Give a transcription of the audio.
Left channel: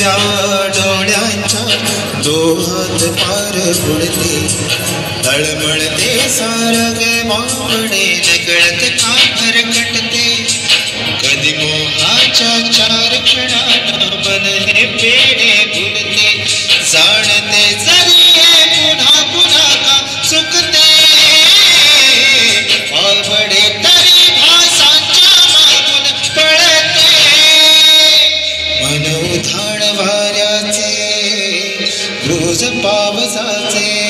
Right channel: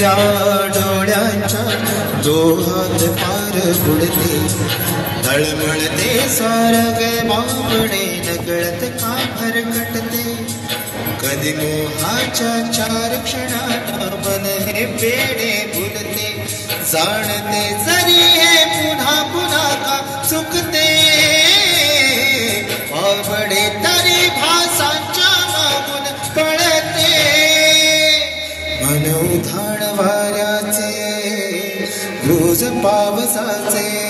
हिरव्या डोळ्यांच्या दोहात पार उडते तळमळते सारगे बावडे नकळत का फरकटते कधी मोहाच्या चार क्षणाला मन हे पेढे फुलते जाणते जरी पुन्हा पुन्हा का चुकते बावडे तरी भासांच्या मागून पळते मन उधाण वाऱ्याचे रोज पावसाचे